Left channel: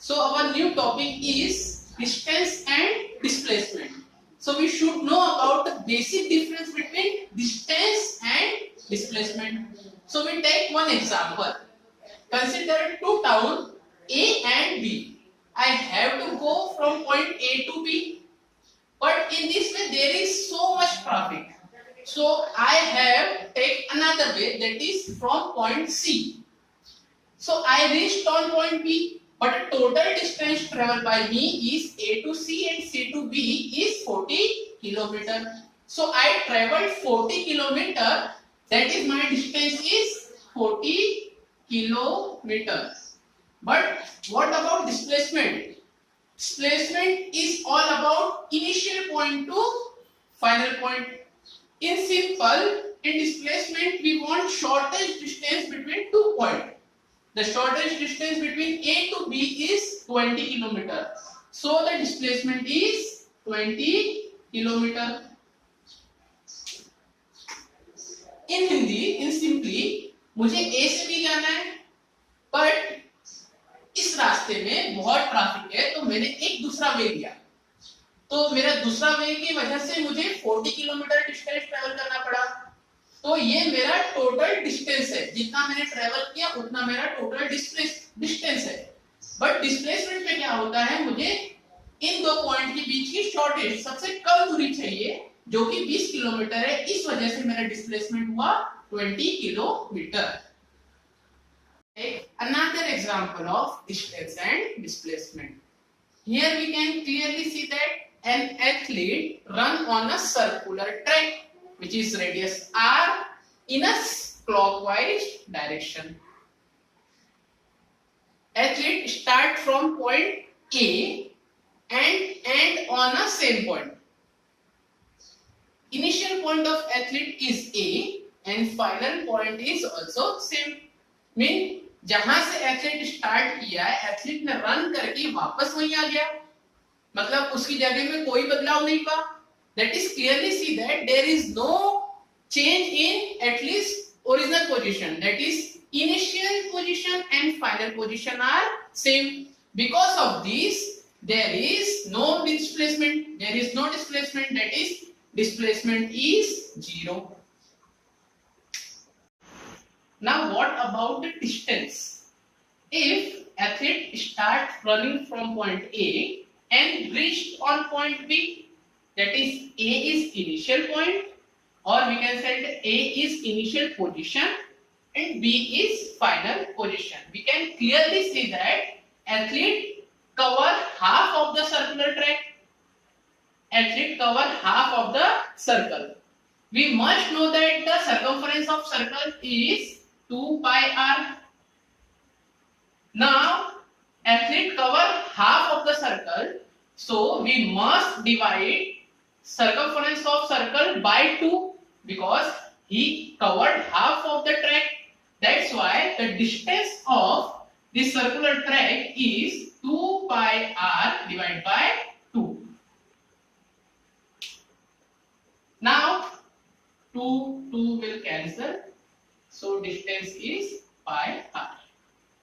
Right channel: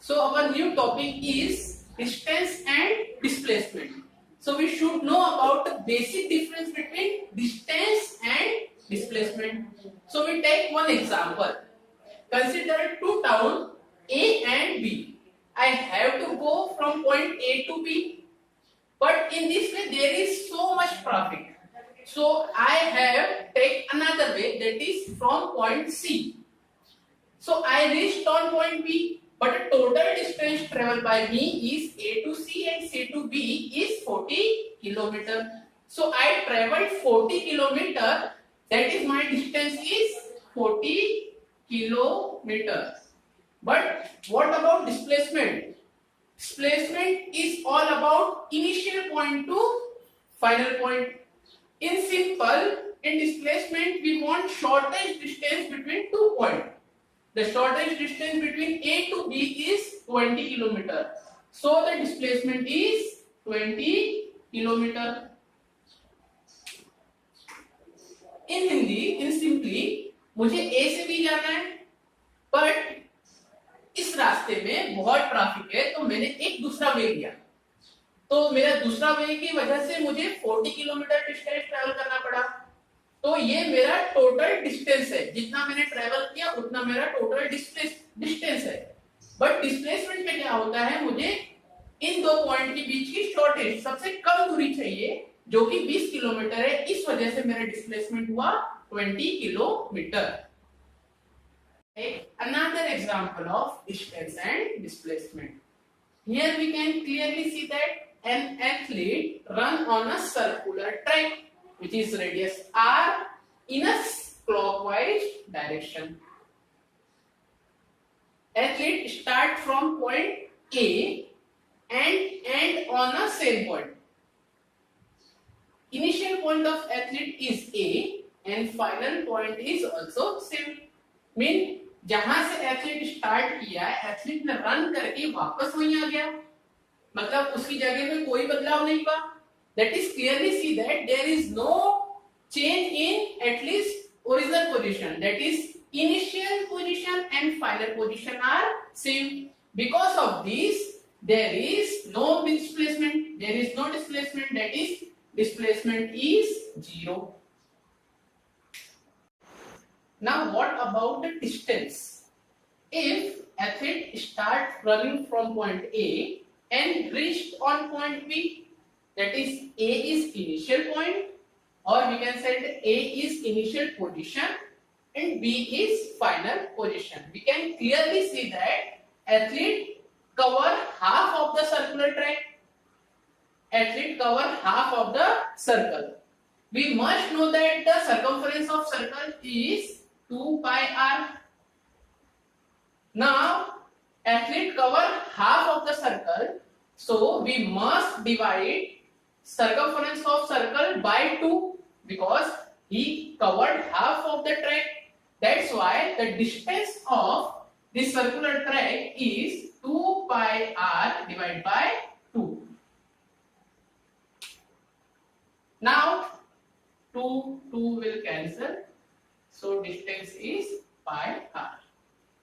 So our new topic is distance and displacement. So we should know about the basic difference between distance and displacement. So we take one example. Consider two towns A and B. I have to go from point A to B, but in this way there is so much traffic. So I have take another way, that is from point C. So I reached on point B, but the total distance traveled by me is A to C and C to B is 40 kilometer. So I traveled 40 kilometer. That is my distance is 40 kilometers. But what about displacement? Displacement is all about initial point to final point. In simple, in displacement we want shortest distance between two points. The shortest distance between A to B is 20 kilometer. So the displacement is 20 kilometer. In Hindi, in simply, मुझे A से B जाना है, but इस रास्ते में बहुत traffic है, तो मैंने एक दूसरा वे लिया. तो मेरा दूसरा वे की वजह से मुझे 40 किलोमीटर डिस्टेंस ट्रैवल करना पड़ा. तो ये मेरा टोटल डिस्टेंस है, जितना मैंने ट्रेवल किया उतना मेरा टोटल डिस्टेंस है. बट डिस्प्लेसमेंट में क्या होता है, मुझे इन दो पॉइंट के बीच की शॉर्टेस्ट सबसे कम दूरी चाहिए, जो कि 20 किलोमीटर है. इस वजह से मेरा डिस्प्लेसमेंट हुआ 20 kilometre. Another example of distance and displacement. Here we can clearly see that an athlete run on a circular track which is radius r in a clockwise direction. Athlete start from point A and end on a same point. Initial point of athlete is A and final point is also same. Mean जहां से athlete start किया है, athlete ने run करके वापस वहीं आ गया, मतलब उसकी जगह में कोई बदलाव नहीं हुआ. That is clearly see that there is no change in at least original position. That is initial position and final position are same. Because of this, there is no displacement. There is no displacement. That is displacement is 0. Now what about the distance? If athlete start running from point A and reached on point B, that is A is initial point, or we can say that A is initial position and B is final position. We can clearly see that athlete cover half of the circular track. Athlete cover half of the circle. We must know that the circumference of circle is 2 pi r. Now athlete cover half of the circle, so we must divide circumference of circle by 2 because he covered half of the track. That's why the distance of this circular track is 2 pi r divided by 2. Now 2 will cancel, so distance is pi r.